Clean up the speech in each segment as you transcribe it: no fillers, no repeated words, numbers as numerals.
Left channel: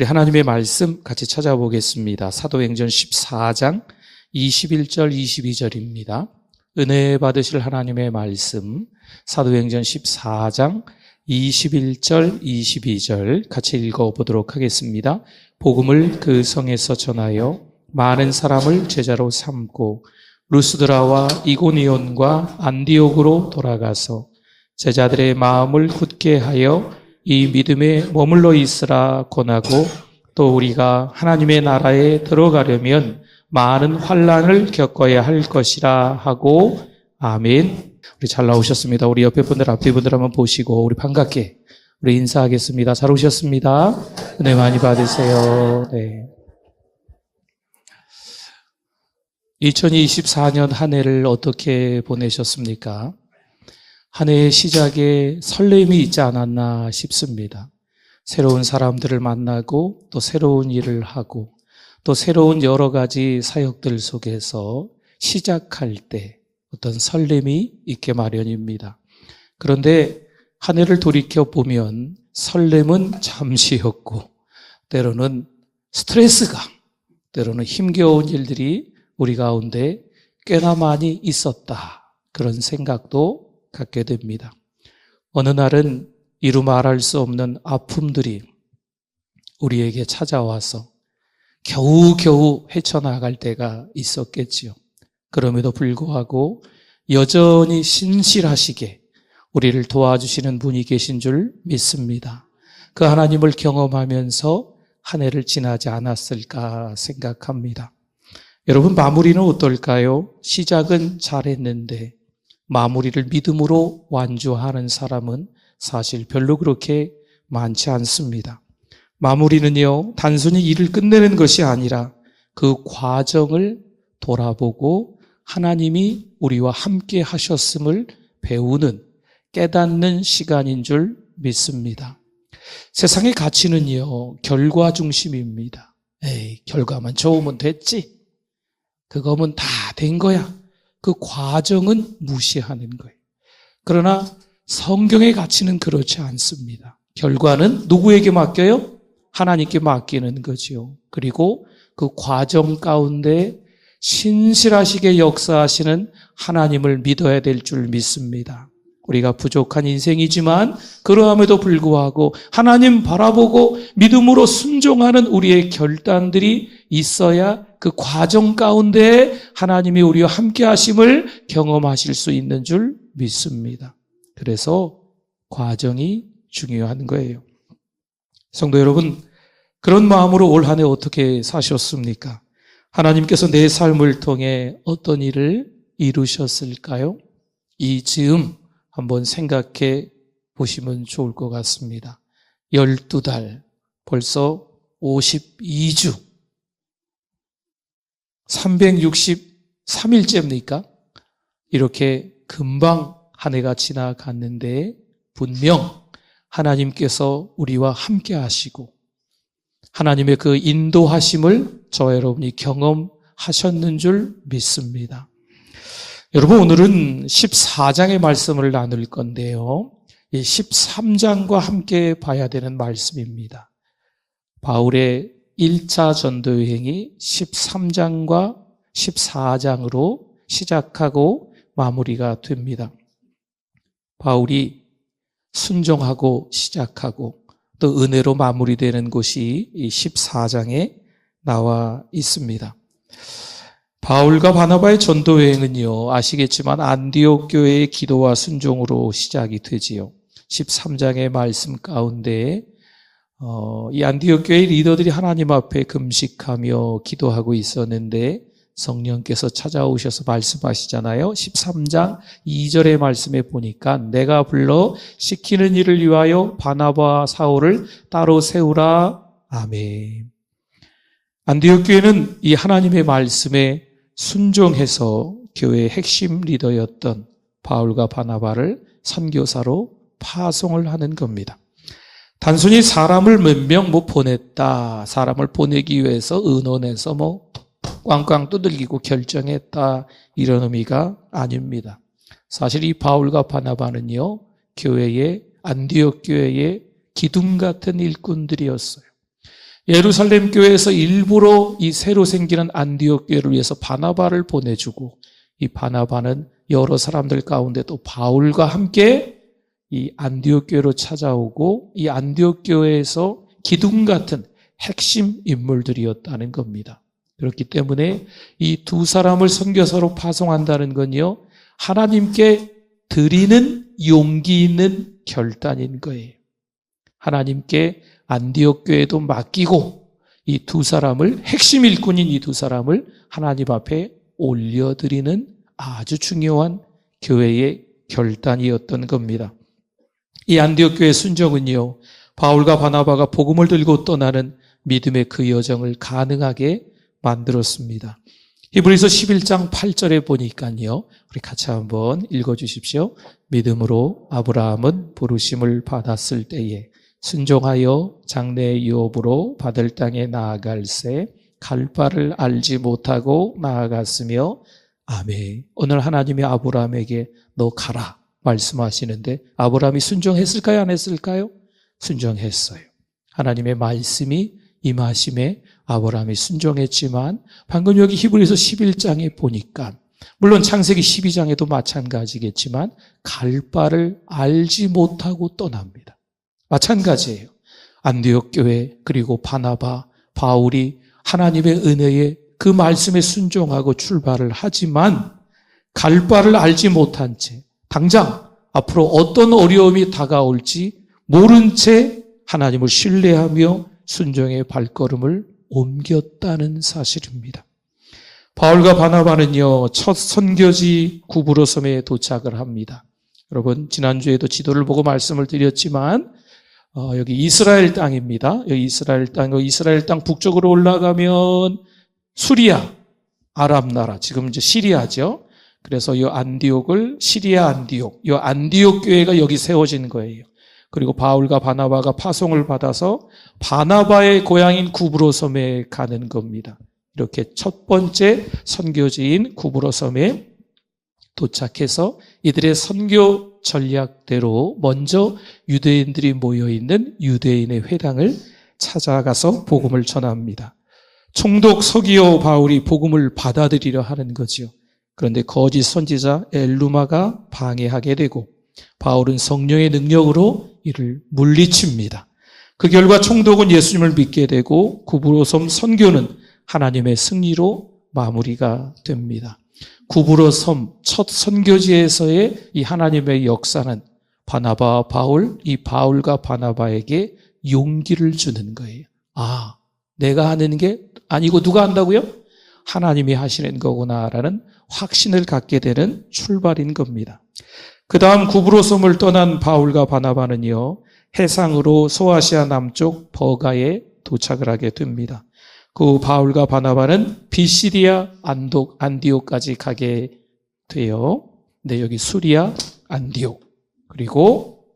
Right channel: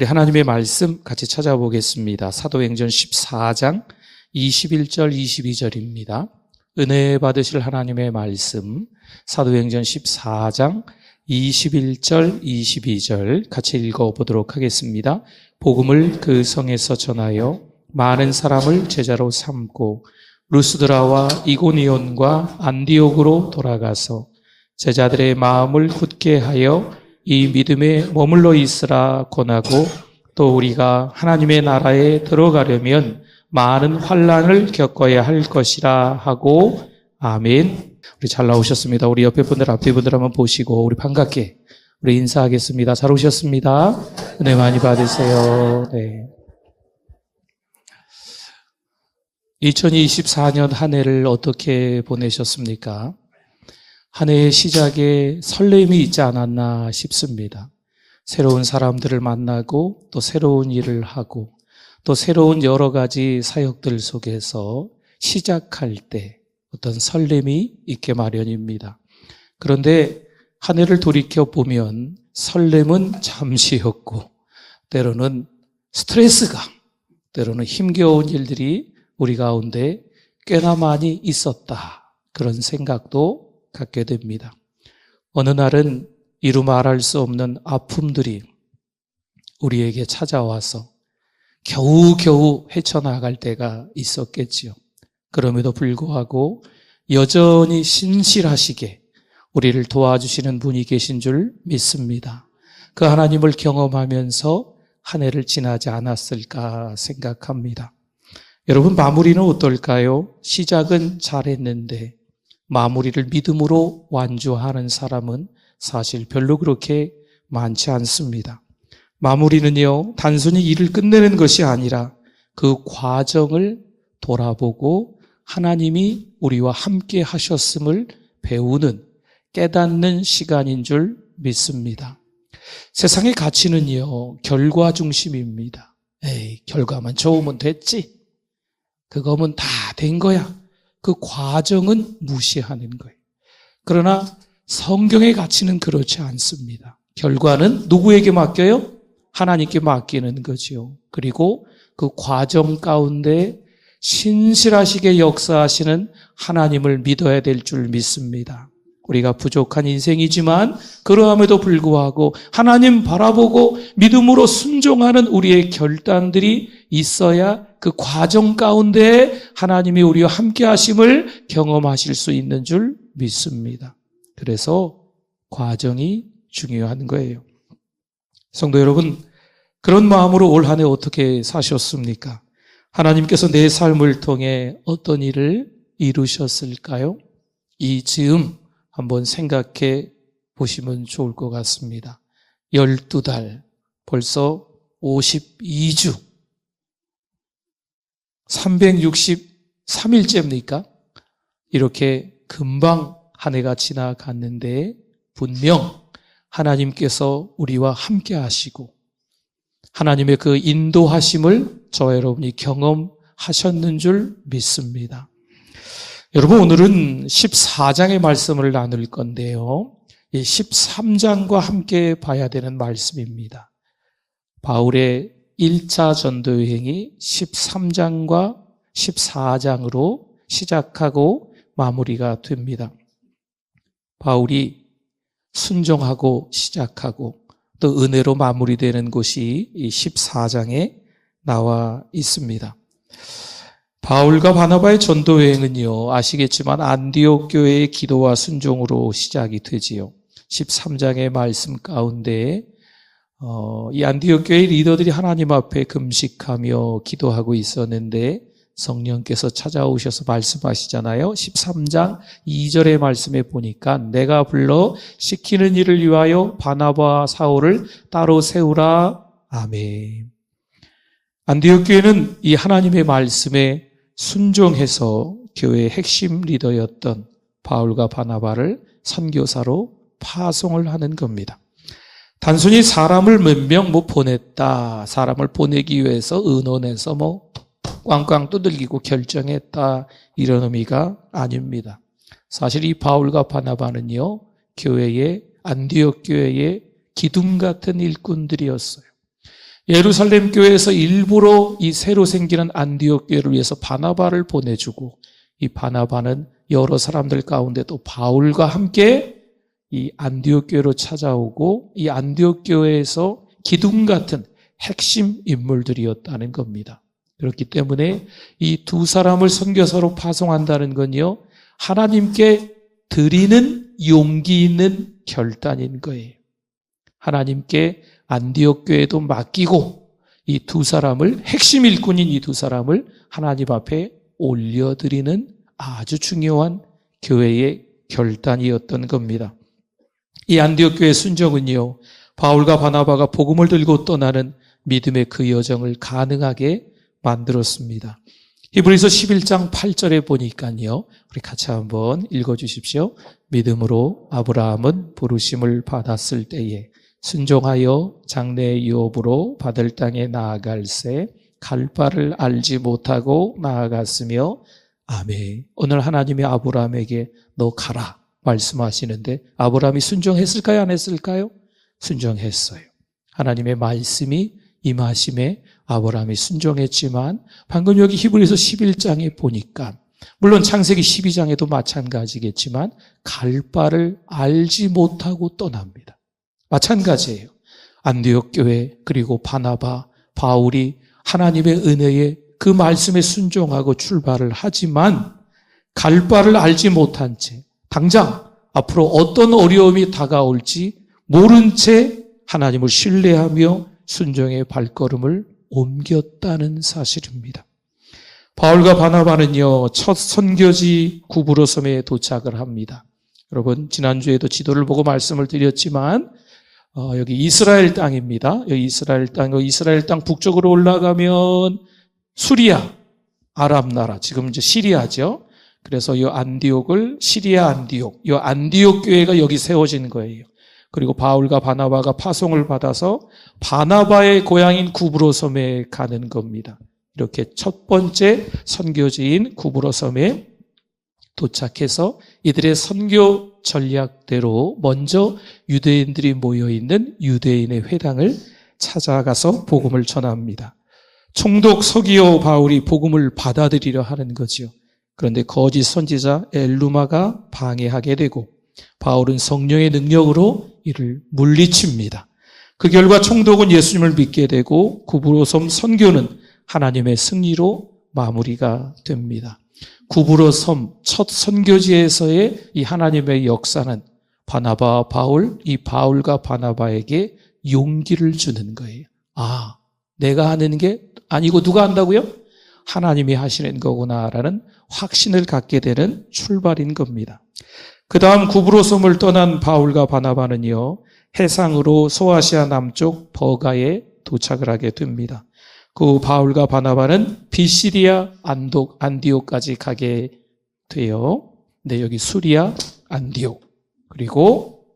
우리 하나님의 말씀 같이 찾아보겠습니다. 사도행전 14장 21절 22절입니다. 은혜 받으실 하나님의 말씀 사도행전 14장 21절 22절 같이 읽어보도록 하겠습니다. 복음을 그 성에서 전하여 많은 사람을 제자로 삼고 루스드라와 이고니온과 안디옥으로 돌아가서 제자들의 마음을 굳게 하여 이 믿음에 머물러 있으라 권하고, 또 우리가 하나님의 나라에 들어가려면 많은 환난을 겪어야 할 것이라 하고. 아멘. 우리 잘 나오셨습니다. 우리 옆에 분들 앞에 분들 한번 보시고 우리 반갑게 우리 인사하겠습니다. 잘 오셨습니다. 은혜 많이 받으세요. 네. 2024년 한 해를 어떻게 보내셨습니까? 한 해의 시작에 설렘이 있지 않았나 싶습니다. 새로운 사람들을 만나고 또 새로운 일을 하고 또 새로운 여러 가지 사역들 속에서 시작할 때 어떤 설렘이 있게 마련입니다. 그런데 한 해를 돌이켜보면 설렘은 잠시였고 때로는 스트레스가, 때로는 힘겨운 일들이 우리 가운데 꽤나 많이 있었다, 그런 생각도 갖게 됩니다. 어느 날은 이루 말할 수 없는 아픔들이 우리에게 찾아와서 겨우겨우 헤쳐나갈 때가 있었겠지요. 그럼에도 불구하고 여전히 신실하시게 우리를 도와주시는 분이 계신 줄 믿습니다. 그 하나님을 경험하면서 한 해를 지나지 않았을까 생각합니다. 여러분, 마무리는 어떨까요? 시작은 잘했는데 마무리를 믿음으로 완주하는 사람은 사실 별로 그렇게 많지 않습니다. 마무리는요, 단순히 일을 끝내는 것이 아니라 그 과정을 돌아보고 하나님이 우리와 함께 하셨음을 배우는, 깨닫는 시간인 줄 믿습니다. 세상의 가치는요, 결과 중심입니다. 에이, 결과만 좋으면 됐지. 그거면 다 된 거야. 그 과정은 무시하는 거예요. 그러나 성경의 가치는 그렇지 않습니다. 결과는 누구에게 맡겨요? 하나님께 맡기는 거죠. 그리고 그 과정 가운데 신실하시게 역사하시는 하나님을 믿어야 될 줄 믿습니다. 우리가 부족한 인생이지만 그러함에도 불구하고 하나님 바라보고 믿음으로 순종하는 우리의 결단들이 있어야 그 과정 가운데 하나님이 우리와 함께 하심을 경험하실 수 있는 줄 믿습니다. 그래서 과정이 중요한 거예요. 성도 여러분, 그런 마음으로 올 한 해 어떻게 사셨습니까? 하나님께서 내 삶을 통해 어떤 일을 이루셨을까요? 이 즈음 한번 생각해 보시면 좋을 것 같습니다. 12달, 벌써 52주, 363일째입니까? 이렇게 금방 한 해가 지나갔는데 분명 하나님께서 우리와 함께 하시고 하나님의 그 인도하심을 저와 여러분이 경험하셨는 줄 믿습니다. 여러분, 오늘은 14장의 말씀을 나눌 건데요, 이 13장과 함께 봐야 되는 말씀입니다. 바울의 1차 전도여행이 13장과 14장으로 시작하고 마무리가 됩니다. 바울이 순종하고 시작하고 또 은혜로 마무리되는 곳이 이 14장에 나와 있습니다. 바울과 바나바의 전도여행은요, 아시겠지만 안디옥 교회의 기도와 순종으로 시작이 되지요. 13장의 말씀 가운데 이 안디옥 교회 리더들이 하나님 앞에 금식하며 기도하고 있었는데 성령께서 찾아오셔서 말씀하시잖아요. 13장 2절의 말씀에 보니까 내가 불러 시키는 일을 위하여 바나바와 사울을 따로 세우라. 아멘. 안디옥 교회는 이 하나님의 말씀에 순종해서 교회의 핵심 리더였던 바울과 바나바를 선교사로 파송을 하는 겁니다. 단순히 사람을 몇 명 보냈다, 사람을 보내기 위해서 의논해서 꽝꽝 두들기고 결정했다, 이런 의미가 아닙니다. 사실 이 바울과 바나바는요, 교회의 안디옥 교회의 기둥 같은 일꾼들이었어요. 예루살렘 교회에서 일부러 이 새로 생기는 안디옥 교회를 위해서 바나바를 보내주고, 이 바나바는 여러 사람들 가운데 또 바울과 함께 이 안디옥 교회로 찾아오고, 이 안디옥 교회에서 기둥 같은 핵심 인물들이었다는 겁니다. 그렇기 때문에 이 두 사람을 선교사로 파송한다는 건요, 하나님께 드리는 용기 있는 결단인 거예요. 하나님께 안디옥 교회도 맡기고 이 두 사람을, 핵심 일꾼인 이 두 사람을 하나님 앞에 올려드리는 아주 중요한 교회의 결단이었던 겁니다. 이 안디옥 교회의 순종은요, 바울과 바나바가 복음을 들고 떠나는 믿음의 그 여정을 가능하게 만들었습니다. 히브리서 11장 8절에 보니까요, 우리 같이 한번 읽어주십시오. 믿음으로 아브라함은 부르심을 받았을 때에 순종하여 장래의 유업으로 받을 땅에 나아갈새 갈 바를 알지 못하고 나아갔으며, 아멘. 오늘 하나님이 아브라함에게 너 가라 말씀하시는데, 아브라함이 순종했을까요? 안 했을까요? 순종했어요. 하나님의 말씀이 임하심에 아브라함이 순종했지만, 방금 여기 히브리서 11장에 보니까, 물론 창세기 12장에도 마찬가지겠지만 갈 바를 알지 못하고 떠납니다. 마찬가지예요. 안디옥 교회, 그리고 바나바, 바울이 하나님의 은혜에 그 말씀에 순종하고 출발을 하지만 갈 바를 알지 못한 채 당장 앞으로 어떤 어려움이 다가올지 모른 채 하나님을 신뢰하며 순종의 발걸음을 옮겼다는 사실입니다. 바울과 바나바는요, 첫 선교지 구브로섬에 도착을 합니다. 여러분, 지난주에도 지도를 보고 말씀을 드렸지만 여기 이스라엘 땅입니다. 여기 이스라엘 땅 북쪽으로 올라가면 수리아, 아랍 나라, 지금 이제 시리아죠. 그래서 이 안디옥을 시리아 안디옥, 이 안디옥 교회가 여기 세워진 거예요. 그리고 바울과 바나바가 파송을 받아서 바나바의 고향인 구브로섬에 가는 겁니다. 이렇게 첫 번째 선교지인 구브로섬에 도착해서 이들의 선교 전략대로 먼저 유대인들이 모여있는 유대인의 회당을 찾아가서 복음을 전합니다. 총독 서기오 바울이 복음을 받아들이려 하는 거지요. 그런데 거짓 선지자 엘루마가 방해하게 되고 바울은 성령의 능력으로 이를 물리칩니다. 그 결과 총독은 예수님을 믿게 되고 구브로섬 선교는 하나님의 승리로 마무리가 됩니다. 구브로섬 첫 선교지에서의 이 하나님의 역사는 바나바와 바울, 이 바울과 바나바에게 용기를 주는 거예요. 아, 내가 하는 게 아니고 누가 한다고요? 하나님이 하시는 거구나라는 확신을 갖게 되는 출발인 겁니다. 그 다음 구브로섬을 떠난 바울과 바나바는요, 해상으로 소아시아 남쪽 버가에 도착을 하게 됩니다. 그 바울과 바나바는 비시디아 안디옥까지 가게 돼요. 근데 여기 수리아 안디옥, 그리고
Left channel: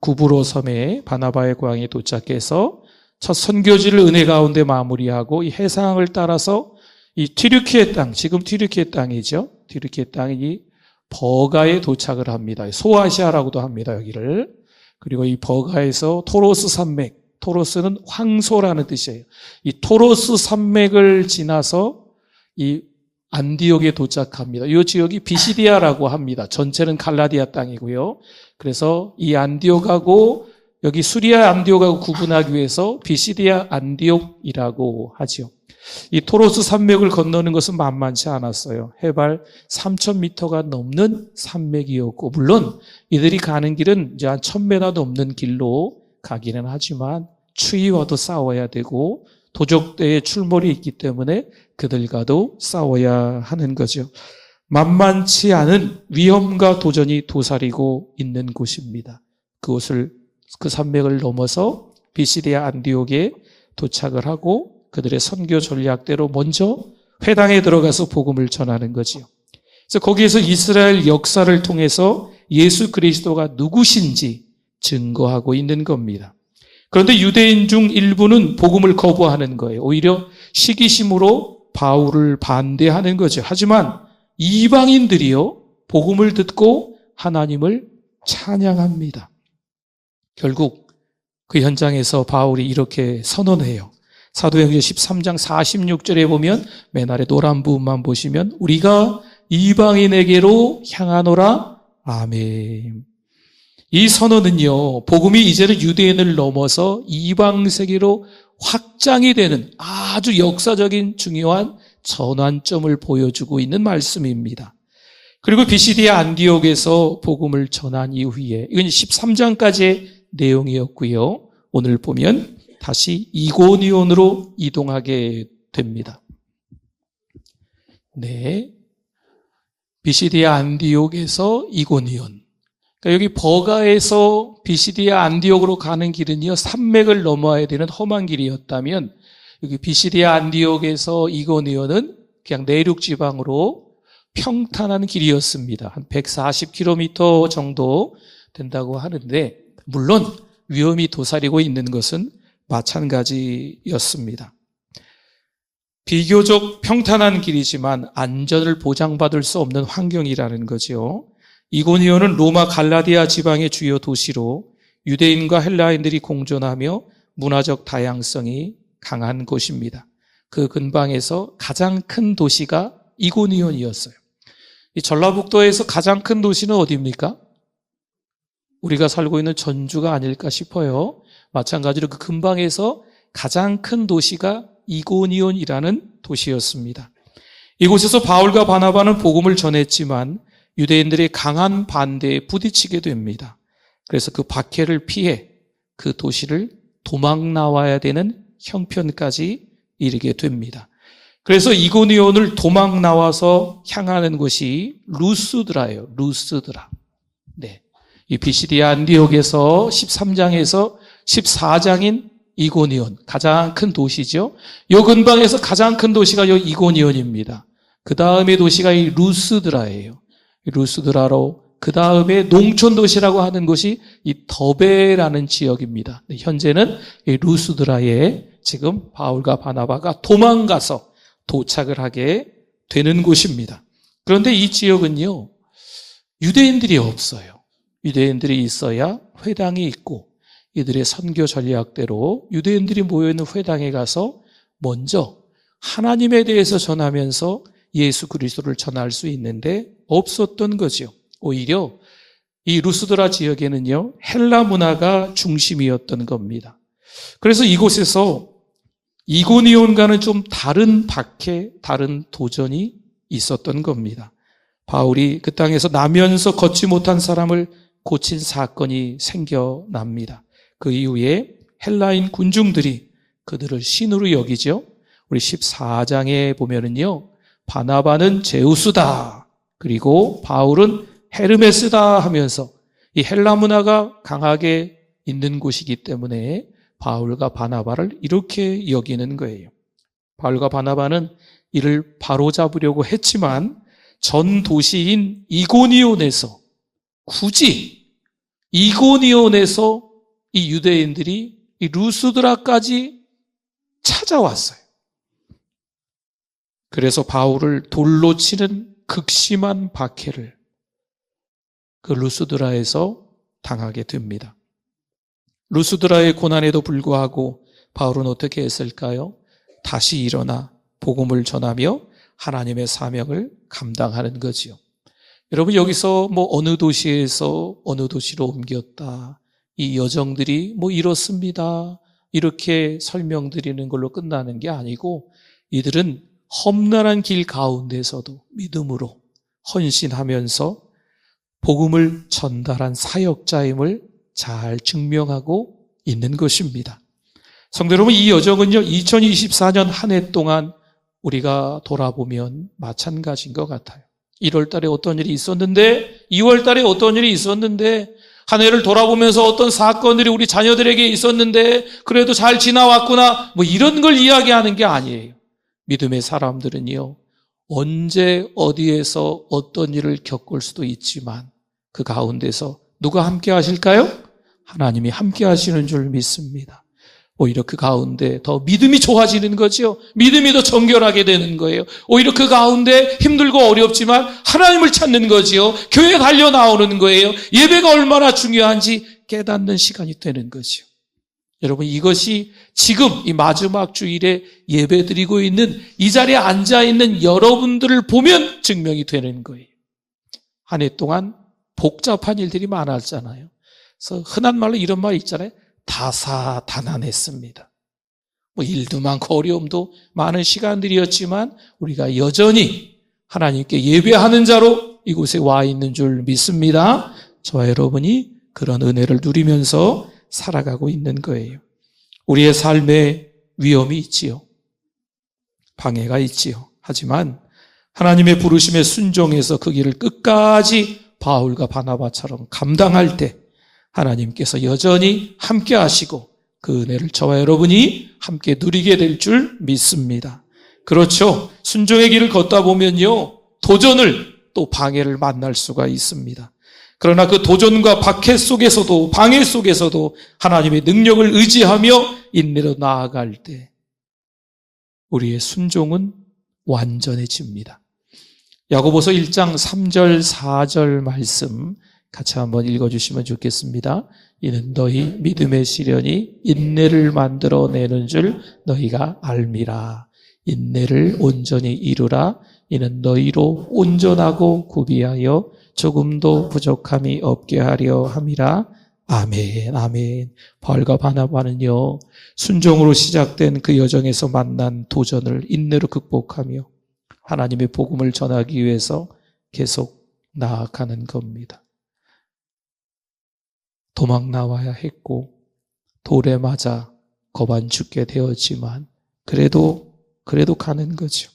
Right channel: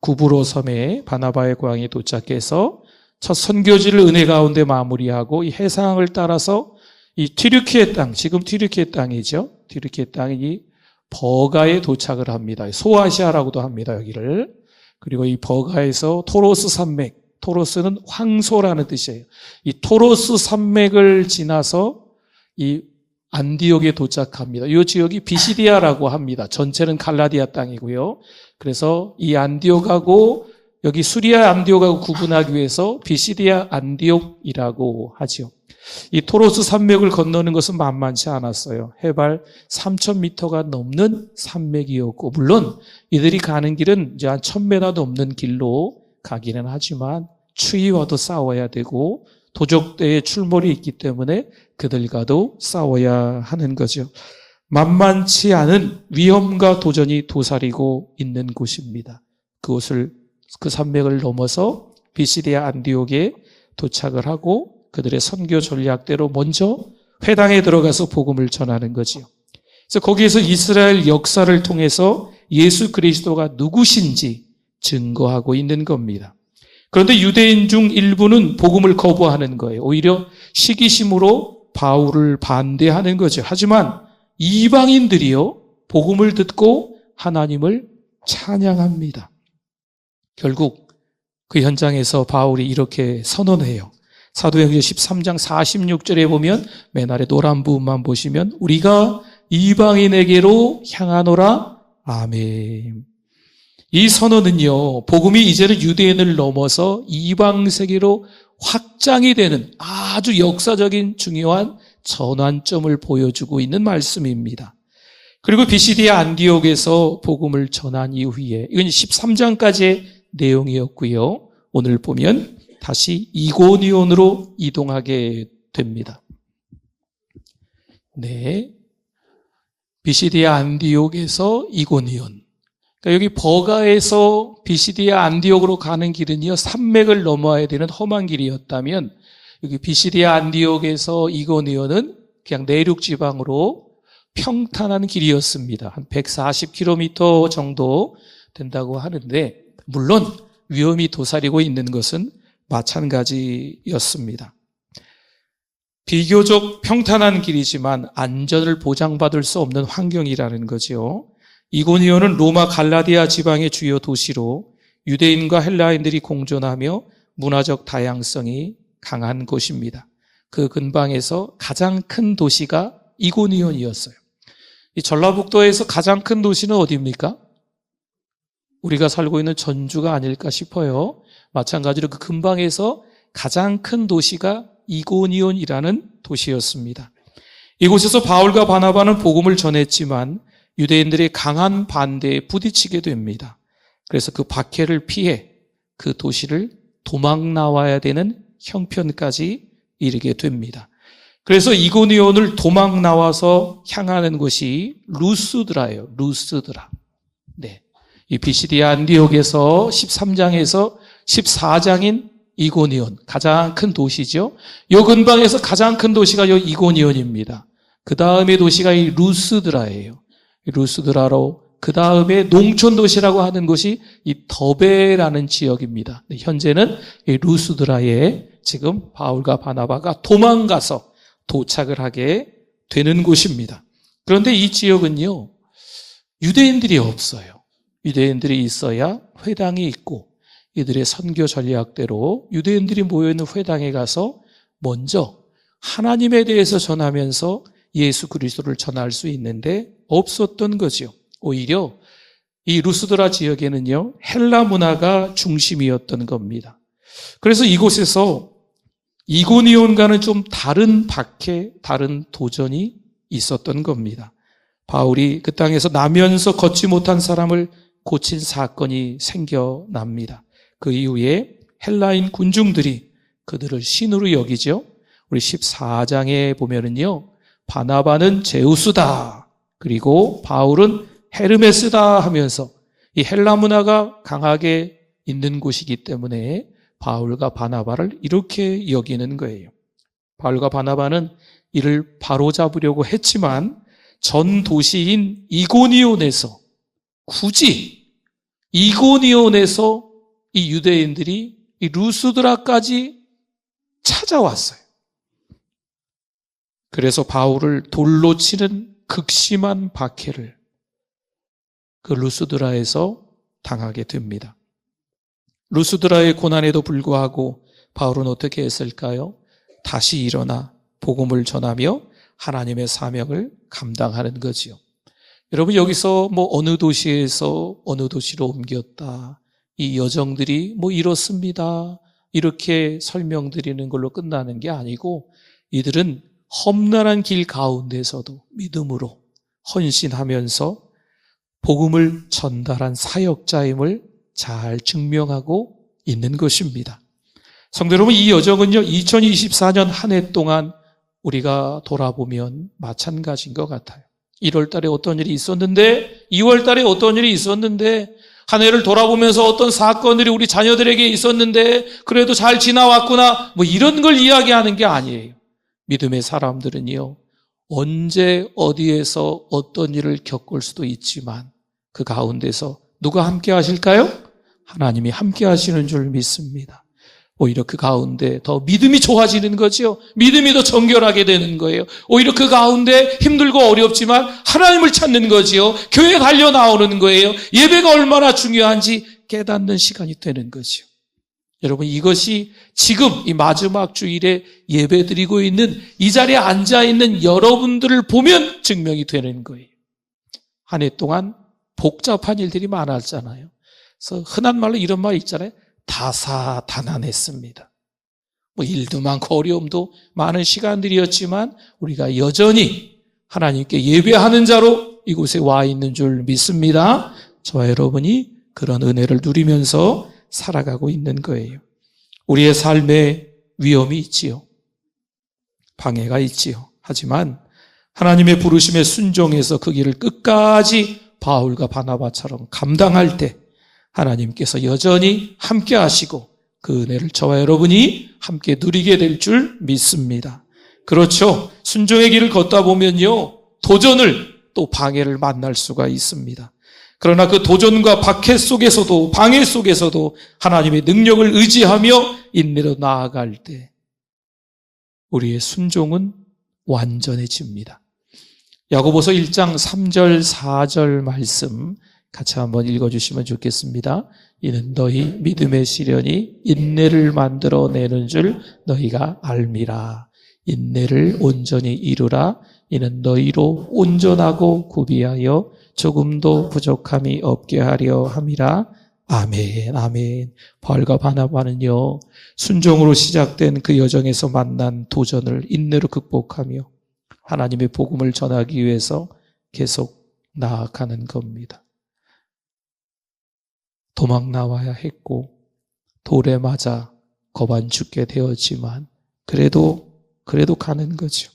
구브로섬에 바나바의 고향에 도착해서 첫 선교지를 은혜 가운데 마무리하고 이 해상을 따라서 이 튀르키예 땅, 지금 튀르키예 땅이죠. 튀르키예 땅이 버가에 도착을 합니다. 소아시아라고도 합니다, 여기를. 그리고 이 버가에서 토로스 산맥, 토로스는 황소라는 뜻이에요. 이 토로스 산맥을 지나서 이 안디옥에 도착합니다. 이 지역이 비시디아라고 합니다. 전체는 갈라디아 땅이고요. 그래서 이 안디옥하고 여기 수리아 안디옥하고 구분하기 위해서 비시디아 안디옥이라고 하죠. 이 토로스 산맥을 건너는 것은 만만치 않았어요. 해발 3,000m가 넘는 산맥이었고, 물론 이들이 가는 길은 이제 한 1,000m 넘는 길로 가기는 하지만 추위와도 싸워야 되고 도적대의 출몰이 있기 때문에 그들과도 싸워야 하는 거죠. 만만치 않은 위험과 도전이 도사리고 있는 곳입니다. 그 산맥을 넘어서 비시디아 안디옥에 도착을 하고 그들의 선교 전략대로 먼저 회당에 들어가서 복음을 전하는 거지요. 그래서 거기에서 이스라엘 역사를 통해서 예수 그리스도가 누구신지 증거하고 있는 겁니다. 그런데 유대인 중 일부는 복음을 거부하는 거예요. 오히려 시기심으로 바울을 반대하는 거죠. 하지만 이방인들이요, 복음을 듣고 하나님을 찬양합니다. 결국 그 현장에서 바울이 이렇게 선언해요. 사도행전 13장 46절에 보면 맨 아래 노란 부분만 보시면 우리가 이방인에게로 향하노라. 아멘. 이 선언은요, 복음이 이제는 유대인을 넘어서 이방 세계로 확장이 되는 아주 역사적인 중요한 전환점을 보여주고 있는 말씀입니다. 그리고 비시디아 안디옥에서 복음을 전한 이후에 이건 13장까지의 내용이었고요. 오늘 보면 다시 이고니온으로 이동하게 됩니다. 네, 비시디아 안디옥에서 이고니온. 그러니까 여기 버가에서 비시디아 안디옥으로 가는 길은요, 산맥을 넘어야 되는 험한 길이었다면 여기 비시디아 안디옥에서 이고니온은 그냥 내륙 지방으로 평탄한 길이었습니다. 한 140km 정도 된다고 하는데 물론 위험이 도사리고 있는 것은 마찬가지였습니다. 비교적 평탄한 길이지만 안전을 보장받을 수 없는 환경이라는 거죠. 이고니온은 로마 갈라디아 지방의 주요 도시로 유대인과 헬라인들이 공존하며 문화적 다양성이 강한 곳입니다. 그 근방에서 가장 큰 도시가 이고니온이었어요. 이 전라북도에서 가장 큰 도시는 어디입니까? 우리가 살고 있는 전주가 아닐까 싶어요. 마찬가지로 그 근방에서 가장 큰 도시가 이고니온이라는 도시였습니다. 이곳에서 바울과 바나바는 복음을 전했지만 유대인들의 강한 반대에 부딪히게 됩니다. 그래서 그 박해를 피해 그 도시를 도망 나와야 되는 형편까지 이르게 됩니다. 그래서 이고니온을 도망 나와서 향하는 곳이 루스드라예요. 루스드라. 네. 이 비시디아 안디옥에서 13장에서 14장인 이고니온, 가장 큰 도시죠. 요 근방에서 가장 큰 도시가 요 이고니온입니다. 그 다음에 도시가 이 루스드라예요. 루스드라로 그 다음에 농촌 도시라고 하는 것이 이 더베라는 지역입니다. 현재는 이 루스드라에 지금 바울과 바나바가 도망가서 도착을 하게 되는 곳입니다. 그런데 이 지역은요, 유대인들이 없어요. 유대인들이 있어야 회당이 있고 이들의 선교 전략대로 유대인들이 모여있는 회당에 가서 먼저 하나님에 대해서 전하면서 예수 그리스도를 전할 수 있는데 없었던 거죠. 오히려 이 루스드라 지역에는요, 헬라 문화가 중심이었던 겁니다. 그래서 이곳에서 이고니온과는 좀 다른 박해, 다른 도전이 있었던 겁니다. 바울이 그 땅에서 나면서 걷지 못한 사람을 고친 사건이 생겨납니다. 그 이후에 헬라인 군중들이 그들을 신으로 여기죠. 우리 14장에 보면은요, 바나바는 제우스다, 그리고 바울은 헤르메스다 하면서 이 헬라 문화가 강하게 있는 곳이기 때문에 바울과 바나바를 이렇게 여기는 거예요. 바울과 바나바는 이를 바로잡으려고 했지만 전 도시인 이고니온에서 굳이 이고니온에서 이 유대인들이 이 루스드라까지 찾아왔어요. 그래서 바울을 돌로 치는 극심한 박해를 그 루스드라에서 당하게 됩니다. 루스드라의 고난에도 불구하고 바울은 어떻게 했을까요? 다시 일어나 복음을 전하며 하나님의 사명을 감당하는 거지요. 여러분, 여기서 어느 도시에서 어느 도시로 옮겼다, 이 여정들이 이렇습니다, 이렇게 설명드리는 걸로 끝나는 게 아니고 이들은 험난한 길 가운데서도 믿음으로 헌신하면서 복음을 전달한 사역자임을 잘 증명하고 있는 것입니다. 성도 여러분, 이 여정은요, 2024년 한 해 동안 우리가 돌아보면 마찬가지인 것 같아요. 1월 달에 어떤 일이 있었는데, 2월 달에 어떤 일이 있었는데, 한 해를 돌아보면서 어떤 사건들이 우리 자녀들에게 있었는데 그래도 잘 지나왔구나, 이런 걸 이야기하는 게 아니에요. 믿음의 사람들은요, 언제 어디에서 어떤 일을 겪을 수도 있지만 그 가운데서 누가 함께 하실까요? 하나님이 함께 하시는 줄 믿습니다. 오히려 그 가운데 더 믿음이 좋아지는 거죠. 믿음이 더 정결하게 되는 거예요. 오히려 그 가운데 힘들고 어렵지만 하나님을 찾는 거지요. 교회에 달려 나오는 거예요. 예배가 얼마나 중요한지 깨닫는 시간이 되는 거죠. 여러분, 이것이 지금 이 마지막 주일에 예배드리고 있는 이 자리에 앉아있는 여러분들을 보면 증명이 되는 거예요. 한 해 동안 복잡한 일들이 많았잖아요. 그래서 흔한 말로 이런 말 있잖아요. 다사다난했습니다. 일도 많고 어려움도 많은 시간들이었지만 우리가 여전히 하나님께 예배하는 자로 이곳에 와 있는 줄 믿습니다. 저와 여러분이 그런 은혜를 누리면서 살아가고 있는 거예요. 우리의 삶에 위험이 있지요. 방해가 있지요. 하지만 하나님의 부르심에 순종해서 그 길을 끝까지 바울과 바나바처럼 감당할 때 하나님께서 여전히 함께 하시고 그 은혜를 저와 여러분이 함께 누리게 될 줄 믿습니다. 그렇죠. 순종의 길을 걷다 보면요, 도전을 또 방해를 만날 수가 있습니다. 그러나 그 도전과 박해 속에서도 방해 속에서도 하나님의 능력을 의지하며 인내로 나아갈 때 우리의 순종은 완전해집니다. 야고보서 1장 3절 4절 말씀 같이 한번 읽어주시면 좋겠습니다. 이는 너희 믿음의 시련이 인내를 만들어내는 줄 너희가 알미라. 인내를 온전히 이루라. 이는 너희로 온전하고 구비하여 조금도 부족함이 없게 하려 함이라. 아멘, 아멘. 바울과 바나바는요, 순종으로 시작된 그 여정에서 만난 도전을 인내로 극복하며 하나님의 복음을 전하기 위해서 계속 나아가는 겁니다. 도망 나와야 했고 돌에 맞아 거반 죽게 되었지만 그래도 가는 거죠.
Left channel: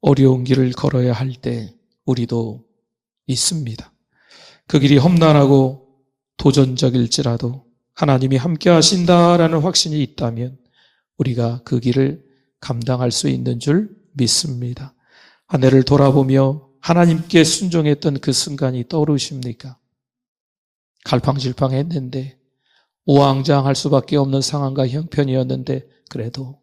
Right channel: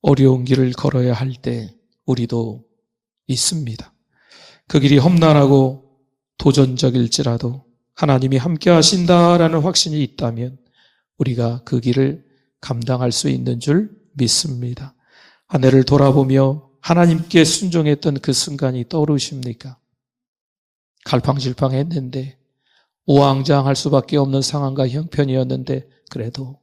어려운 길을 걸어야 할 때 우리도 있습니다. 그 길이 험난하고 도전적일지라도 하나님이 함께 하신다라는 확신이 있다면 우리가 그 길을 감당할 수 있는 줄 믿습니다. 한 해를 돌아보며 하나님께 순종했던 그 순간이 떠오르십니까? 갈팡질팡했는데 우왕좌왕할 수밖에 없는 상황과 형편이었는데 그래도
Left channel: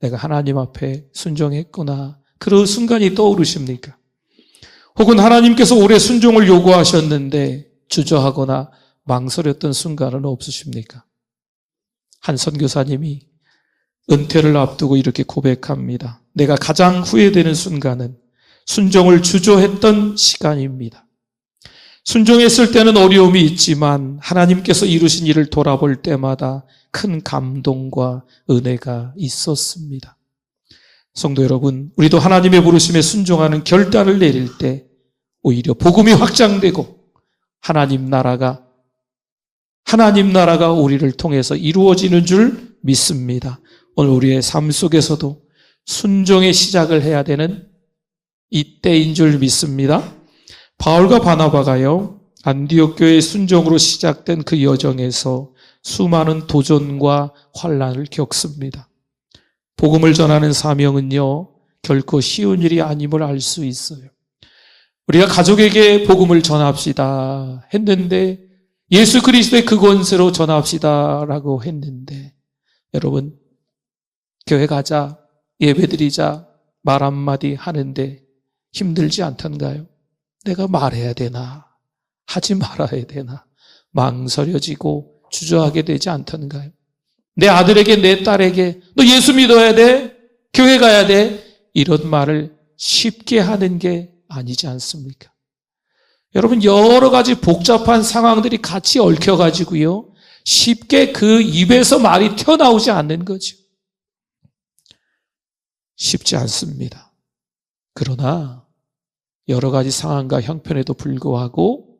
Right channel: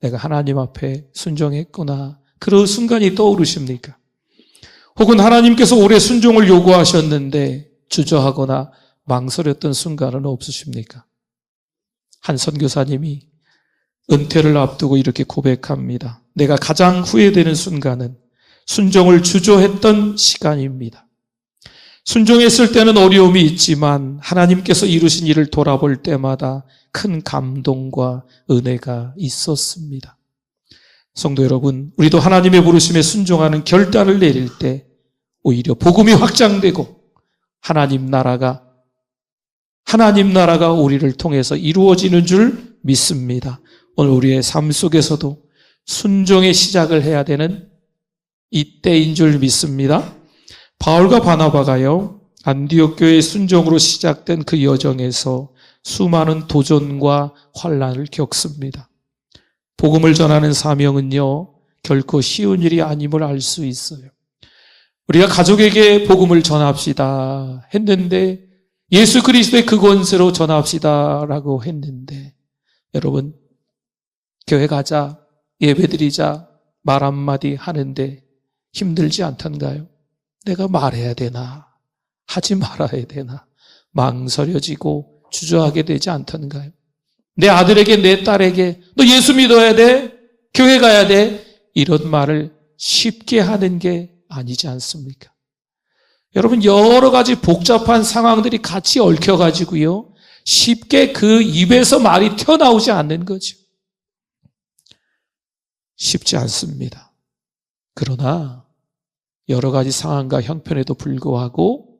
내가 하나님 앞에 순종했구나, 그런 순간이 떠오르십니까? 혹은 하나님께서 오래 순종을 요구하셨는데 주저하거나 망설였던 순간은 없으십니까? 한 선교사님이 은퇴를 앞두고 이렇게 고백합니다. 내가 가장 후회되는 순간은 순종을 주저했던 시간입니다. 순종했을 때는 어려움이 있지만 하나님께서 이루신 일을 돌아볼 때마다 큰 감동과 은혜가 있었습니다. 성도 여러분, 우리도 하나님의 부르심에 순종하는 결단을 내릴 때 오히려 복음이 확장되고 하나님 나라가 우리를 통해서 이루어지는 줄 믿습니다. 오늘 우리의 삶 속에서도 순종의 시작을 해야 되는 이때인 줄 믿습니다. 바울과 바나바가요, 안디옥 교회의 순종으로 시작된 그 여정에서 수많은 도전과 환난을 겪습니다. 복음을 전하는 사명은요, 결코 쉬운 일이 아님을 알 수 있어요. 우리가 가족에게 복음을 전합시다 했는데, 예수 그리스도의 그 권세로 전합시다라고 했는데, 여러분, 교회 가자, 예배드리자, 말 한마디 하는데 힘들지 않던가요? 내가 말해야 되나? 하지 말아야 되나? 망설여지고 주저하게 되지 않던가요? 내 아들에게, 내 딸에게 너 예수 믿어야 돼? 교회 가야 돼? 이런 말을 쉽게 하는 게 아니지 않습니까? 여러분, 여러 가지 복잡한 상황들이 같이 얽혀가지고요, 쉽게 그 입에서 말이 튀어나오지 않는 거죠. 쉽지 않습니다. 그러나 여러 가지 상황과 형편에도 불구하고